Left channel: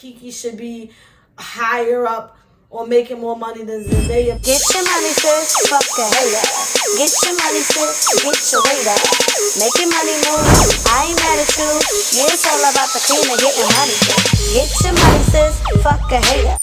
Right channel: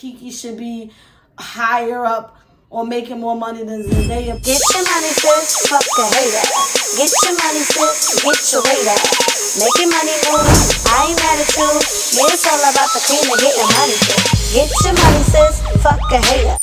Keke should be higher up or making more money than Zendaya. Get your money, sis, fuck a hater. Get your money, sis, get your weight up. Make your money move, I ain't mad at you. Yeah, it's all about the cream and getting money, sis. Get your money, sis, fuck a hater.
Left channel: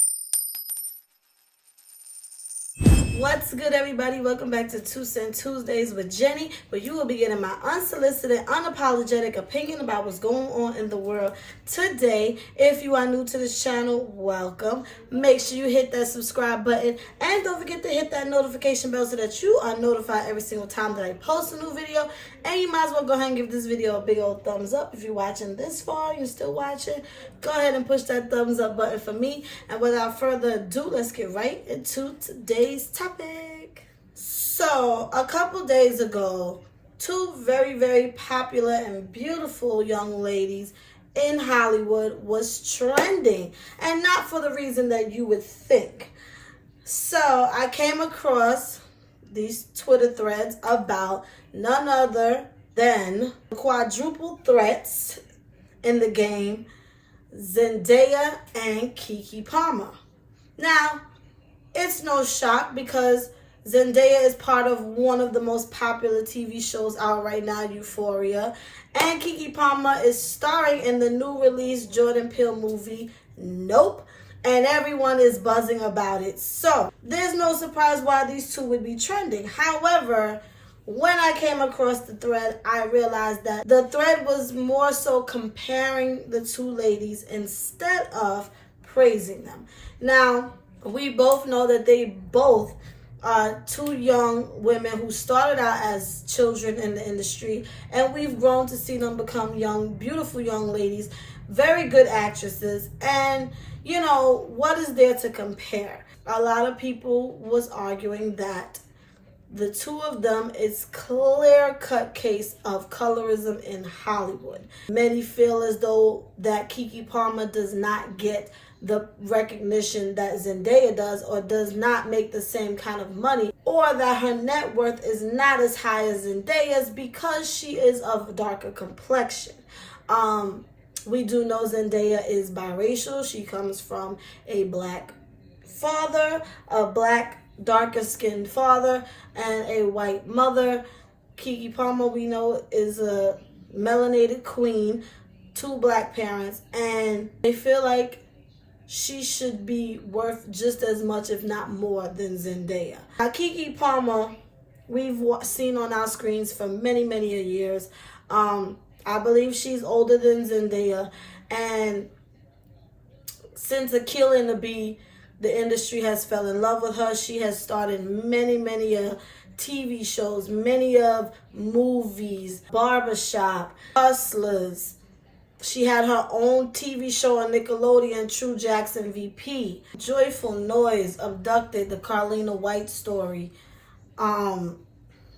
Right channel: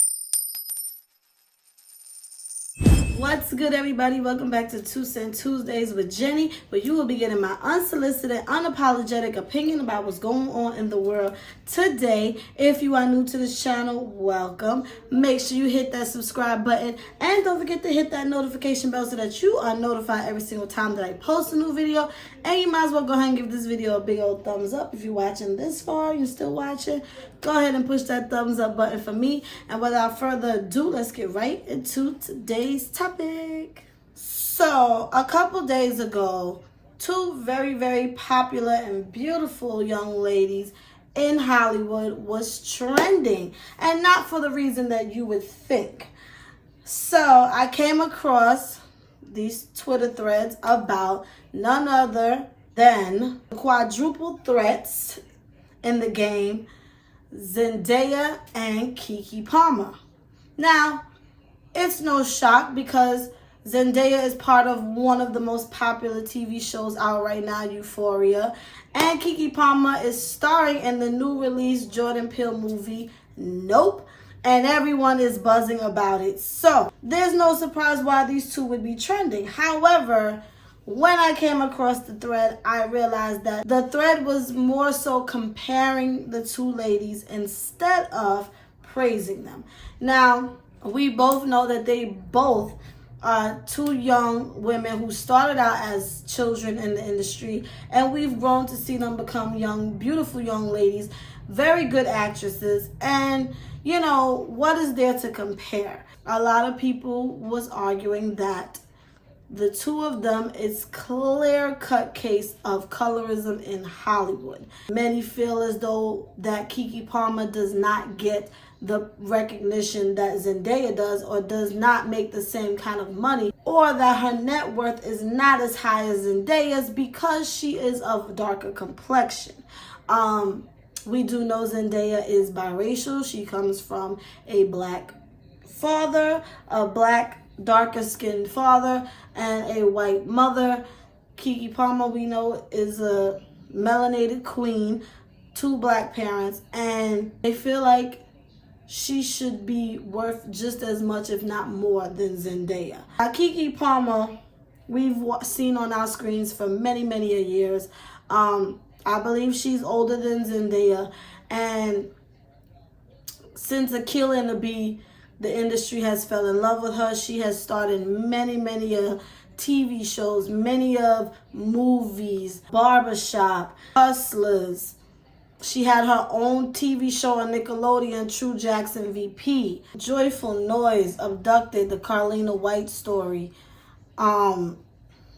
What's good, everybody? Welcome back to 2 Cent Tuesdays with Jenny, where you will be getting my unsolicited, unapologetic opinion about what's going on in the world today. If you are new to this channel, welcome. Make sure you hit that subscribe button and don't forget to hit that notification bell so that you are notified every single time that I post a new video. And you might as well go ahead and give this video a big old thumbs up. If you're watching this far, you're still watching, go ahead and push that thumbs up button for me. And without further ado, let's get right into today's topic. So, a couple days ago, two very, very popular and beautiful young ladies in Hollywood was trending. And not for the reason that you would think. So, I came across these Twitter threads about none other than quadruple threats in the game, Zendaya and Keke Palmer. Now, it's no shock because Zendaya is part of one of the most popular TV shows out right now, Euphoria. And Keke Palmer is starring in the new release Jordan Peele movie, Nope. And everyone is buzzing about it. So, there's no surprise why these two would be trending. However, when I came across the thread, I realized that the thread was more so comparing the two ladies instead of praising them. Now, we both know that they both are two young women who started out as children in the industry, and we've grown to see them become young, beautiful young ladies, very good actresses. And, you know, what is there to compare? A lot of people was arguing that the two of them is clear-cut case of colorism in Hollywood. Many feel as though that Keke Palmer does not get the recognition that Zendaya does, or does not make the same kind of money, or that her net worth is not as high as Zendaya's because she is of darker complexion. We do know Zendaya is biracial. She comes from a black father, a black darker skinned father, and a white mother. Keke Palmer, we know, is a melanated queen, two black parents, and they feel like she should be worth just as much, if not more, than Zendaya. Keke Palmer, we've seen on our screens for many, many years. I believe she's older than Zendaya, and since Akilah and the Bee, the industry has fell in love with her. She has starred in many TV shows, many of movies, Barbershop, Hustlers. She had her own TV show on Nickelodeon, True Jackson VP, Joyful Noise, Abducted, the Carlina White story, The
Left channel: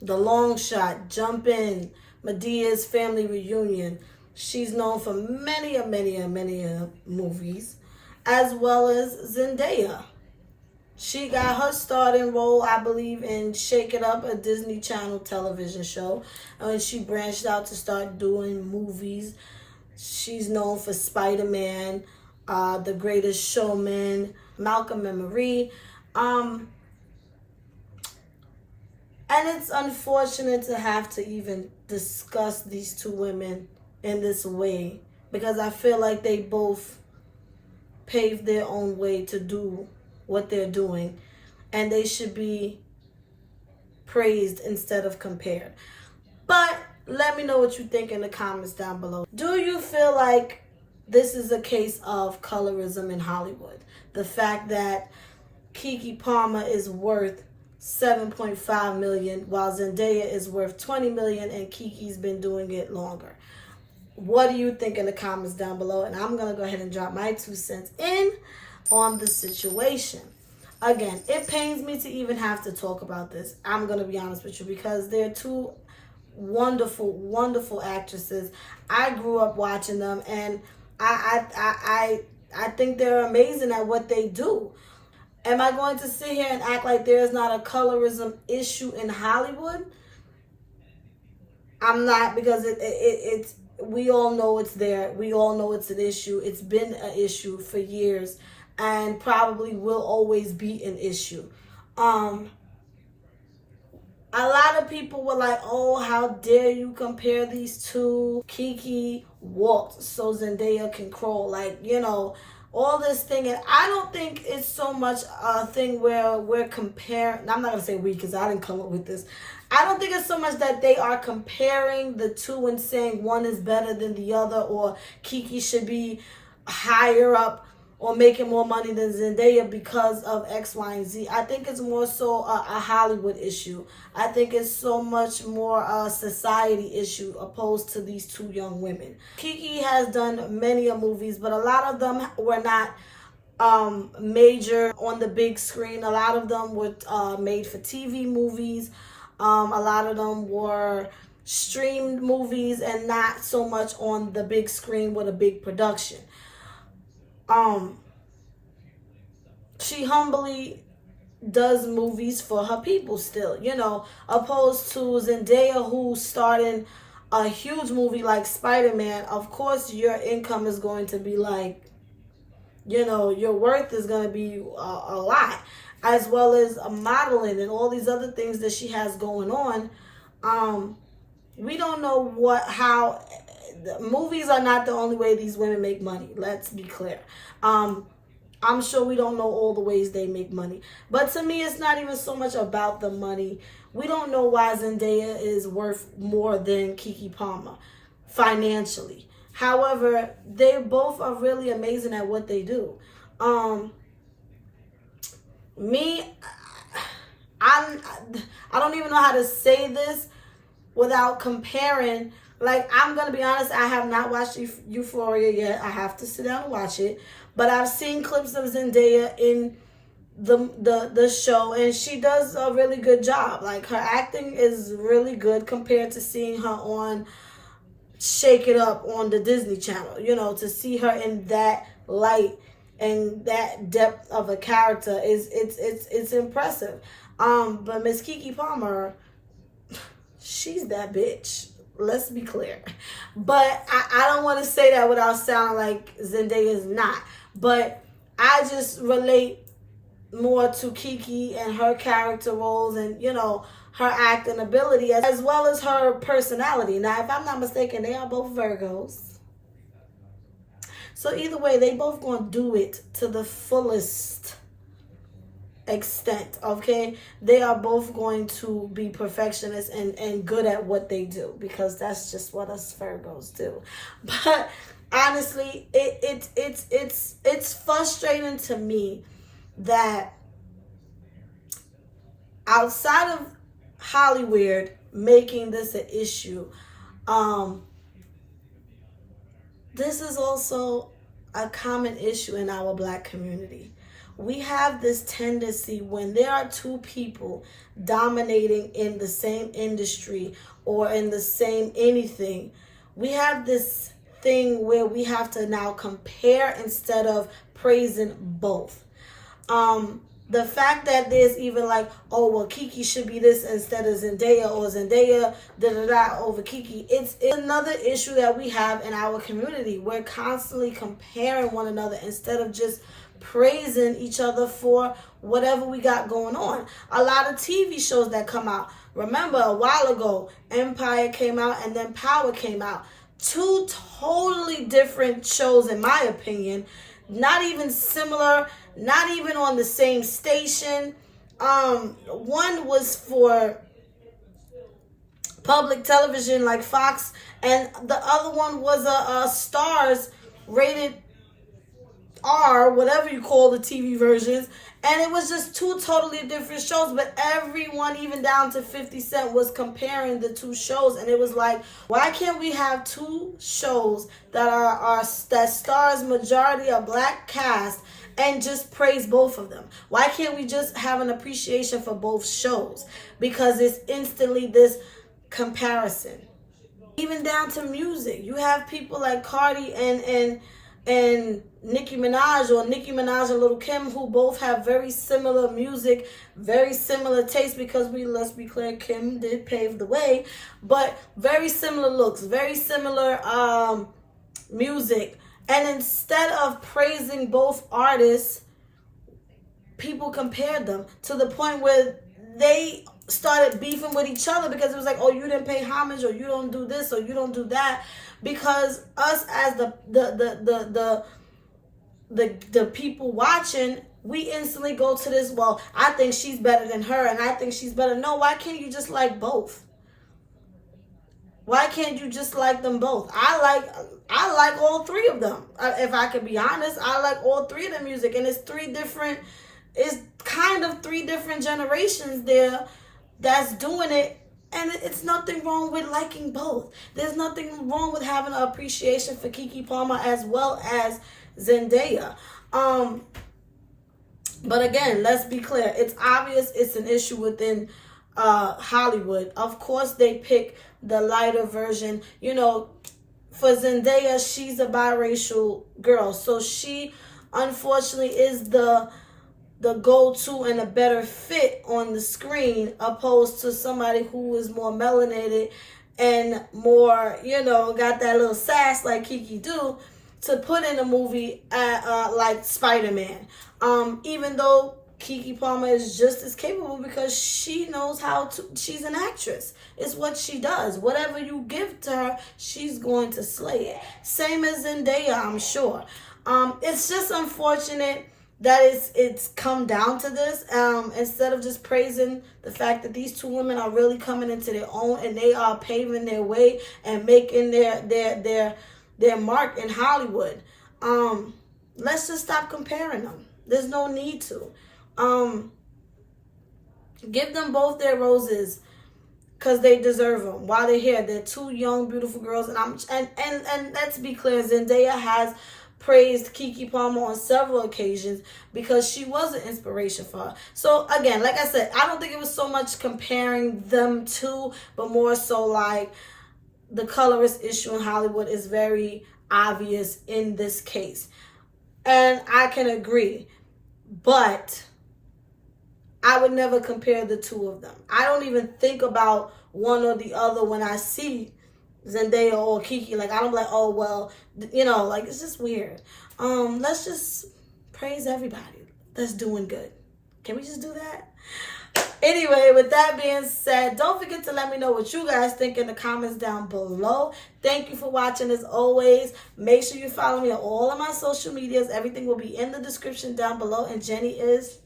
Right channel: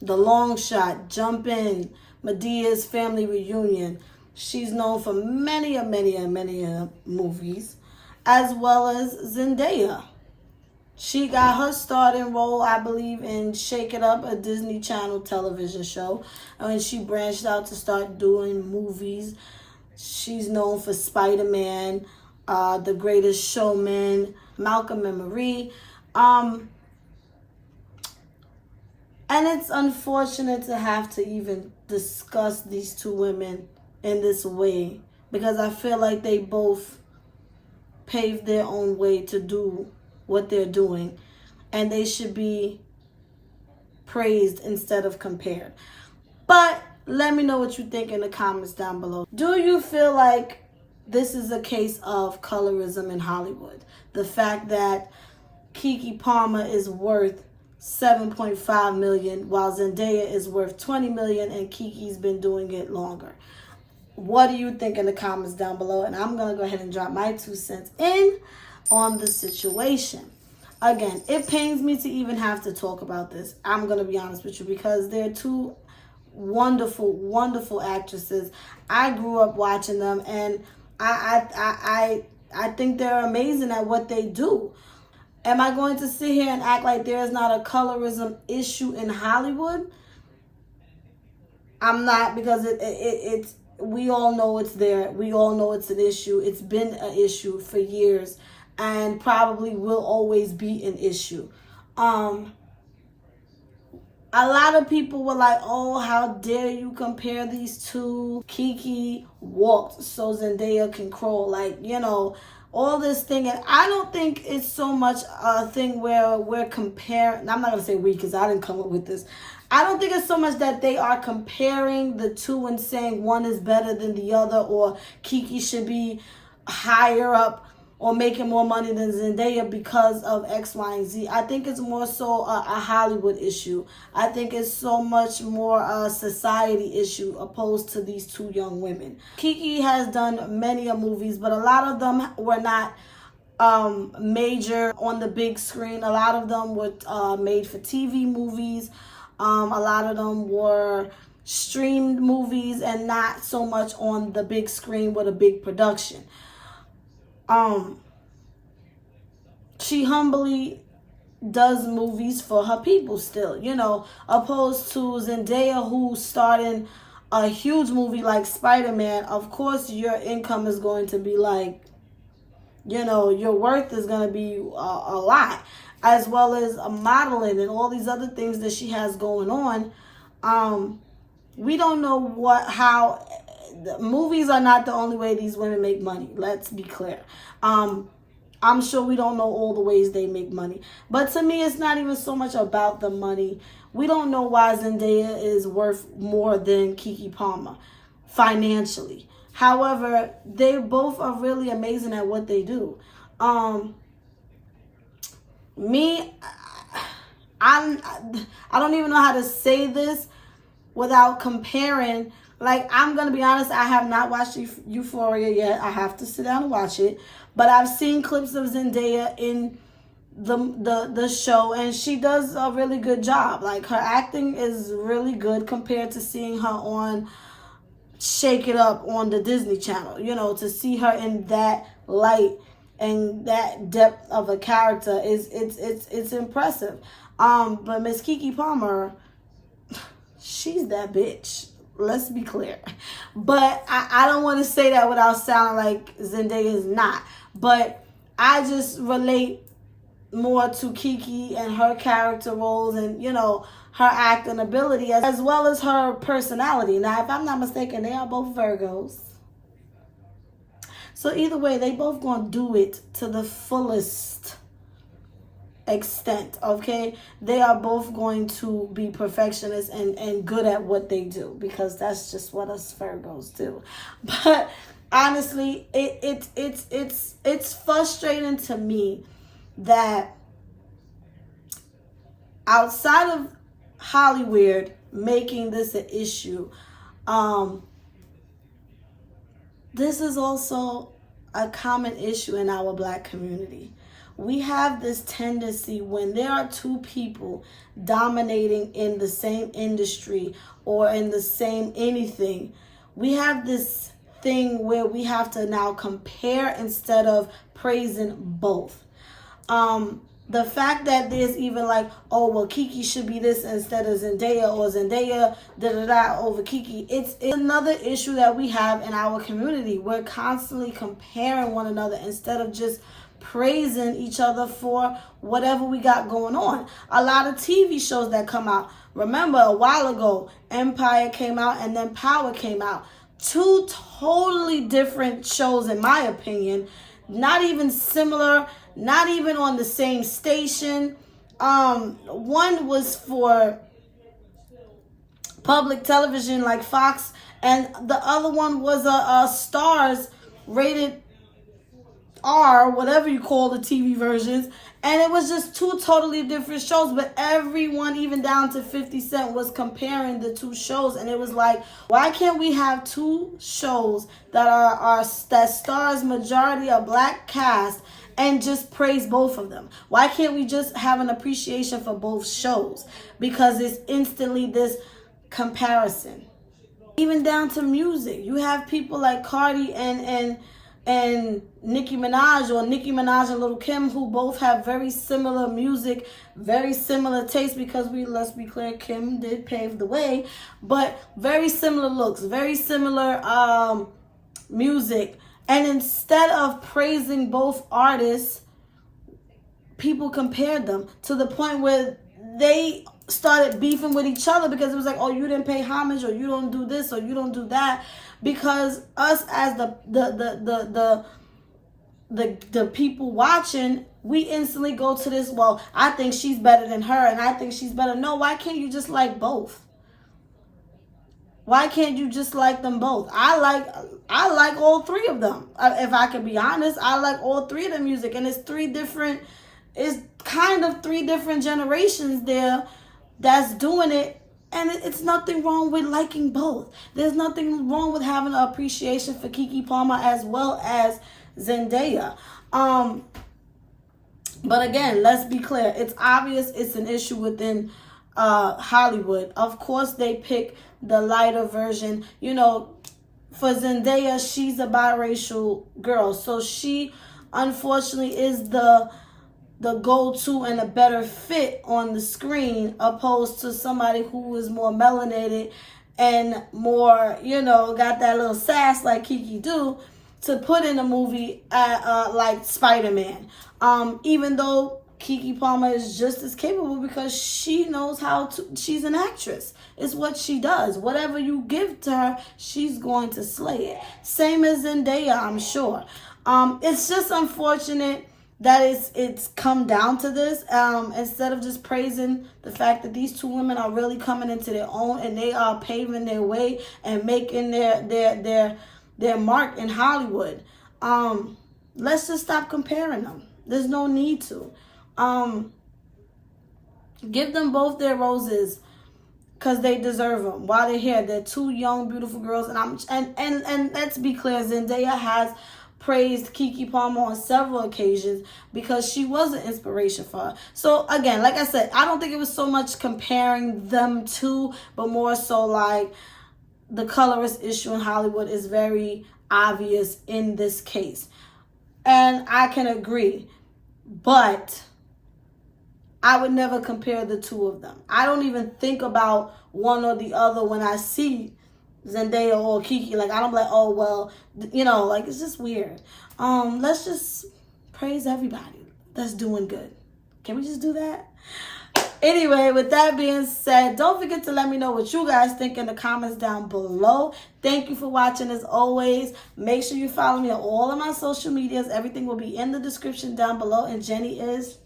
Long Shot, Jump In, Medea's Family Reunion. She's known for many movies, as well as Zendaya. She got her starting role, I believe, in Shake It Up, a Disney Channel television show. And she branched out to start doing movies. She's known for Spider-Man, The Greatest Showman, Malcolm and Marie. And it's unfortunate to have to even discuss these two women in this way, because I feel like they both paved their own way to do what they're doing, and they should be praised instead of compared. But let me know what you think in the comments down below. Do you feel like this is a case of colorism in Hollywood? The fact that Keke Palmer is worth $7.5 million while Zendaya is worth $20 million and Keke's been doing it longer? What do you think in the comments down below? And I'm going to go ahead and drop my 2 cents in on the situation. Again, it pains me to even have to talk about this. I'm going to be honest with you, because they're two wonderful actresses. I grew up watching them, and I think they're amazing at what they do. Am I going to sit here and act like there is not a colorism issue in Hollywood? I'm not, because it's we all know it's there. We all know it's an issue. It's been an issue for years and probably will always be an issue. A lot of people were like, oh, how dare you compare these two? Keke walked so Zendaya can crawl. Like, you know, all this thing. And I don't think it's so much a thing where we're comparing. I'm not going to say we because I didn't come up with this. I don't think it's so much that they are comparing the two and saying one is better than the other, or Keke should be higher up or making more money than Zendaya because of X, Y, and Z. I think it's more so a Hollywood issue. I think it's so much more a society issue opposed to these two young women. Keke has done many movies, but a lot of them were not major on the big screen. A lot of them were made for TV movies. A lot of them were streamed movies and not so much on the big screen with a big production. She humbly does movies for her people still, you know, opposed to Zendaya, who starred in a huge movie like Spider-Man. Of course, your income is going to be like, you know, your worth is going to be a lot, as well as modeling and all these other things that she has going on. We don't know how movies are not the only way these women make money. Let's be clear. I'm sure we don't know all the ways they make money. But to me, it's not even so much about the money. We don't know why Zendaya is worth more than Keke Palmer financially. However, they both are really amazing at what they do. I don't even know how to say this without comparing. Like, I'm going to be honest, I have not watched Euphoria yet. I have to sit down and watch it. But I've seen clips of Zendaya in the show, and she does a really good job. Like, her acting is really good compared to seeing her on Shake It Up on the Disney Channel. You know, to see her in that light and that depth of a character it's impressive. But Miss Keke Palmer, she's that bitch. Let's be clear. But I don't want to say that without sounding like Zendaya is not. But I just relate more to Keke and her character roles and, you know, her acting ability as well as her personality. Now, if I'm not mistaken, they are both Virgos. So either way, they both going to do it to the fullest extent, okay? They are both going to be perfectionists and good at what they do, because that's just what us Virgos do. But honestly, it's frustrating to me that outside of Hollywood making this an issue, this is also a common issue in our Black community. We have this tendency when there are two people dominating in the same industry or in the same anything, we have this thing where we have to now compare instead of praising both. The fact that there's even like, oh, well, Keke should be this instead of Zendaya, or Zendaya over Keke. It's another issue that we have in our community. We're constantly comparing one another instead of just praising each other for whatever we got going on. A lot of TV shows that come out. Remember, a while ago, Empire came out and then Power came out. Two totally different shows, in my opinion. Not even similar, not even on the same station. One was for public television like Fox, and the other one was a Stars rated R, whatever you call the TV versions. And it was just two totally different shows, but everyone, even down to 50 Cent, was comparing the two shows. And it was like, why can't we have two shows that that stars majority of Black cast and just praise both of them? Why can't we just have an appreciation for both shows? Because it's instantly this comparison. Even down to music, you have people like Cardi and and Nicki Minaj, or Nicki Minaj and Lil' Kim, who both have very similar music, very similar taste, because let's be clear, Kim did pave the way, but very similar looks, very similar music. And instead of praising both artists, people compared them to the point where they started beefing with each other, because it was like, oh, you didn't pay homage, or you don't do this, or you don't do that. Because us as the people watching, we instantly go to this, well, I think she's better than her, and I think she's better. No, why can't you just like both? Why can't you just like them both? I like all three of them. If I could be honest, I like all three of the music, and it's kind of three different generations there that's doing it. And it's nothing wrong with liking both. There's nothing wrong with having an appreciation for Keke Palmer as well as Zendaya. But again, let's be clear. It's obvious it's an issue within Hollywood. Of course, they pick the lighter version. You know, for Zendaya, she's a biracial girl. So she, unfortunately, is the go-to and a better fit on the screen, opposed to somebody who is more melanated and more, got that little sass like Keke do, to put in a movie like Spider-Man. Even though Keke Palmer is just as capable, because she knows she's an actress. It's what she does. Whatever you give to her, she's going to slay it. Same as Zendaya, I'm sure. It's just unfortunate that it's come down to this, instead of just praising the fact that these two women are really coming into their own, and they are paving their way and making their mark in Hollywood. Let's just stop comparing them. There's no need to. Give them both their roses, because they deserve them while they're here. They're two young, beautiful girls, and let's be clear, Zendaya has praised Keke Palmer on several occasions because she was an inspiration for her. So again, like I said, I don't think it was so much comparing them two, but more so like the colorist issue in Hollywood is very obvious in this case. And I can agree, but I would never compare the two of them. I don't even think about one or the other when I see Zendaya or Keke. Like, I don't be like, oh, well, like, it's just weird. Let's just praise everybody that's doing good. Can we just do that? Anyway, with that being said, don't forget to let me know what you guys think in the comments down below. Thank you for watching as always. Make sure you follow me on all of my social medias. Everything will be in the description down below. And Jenny is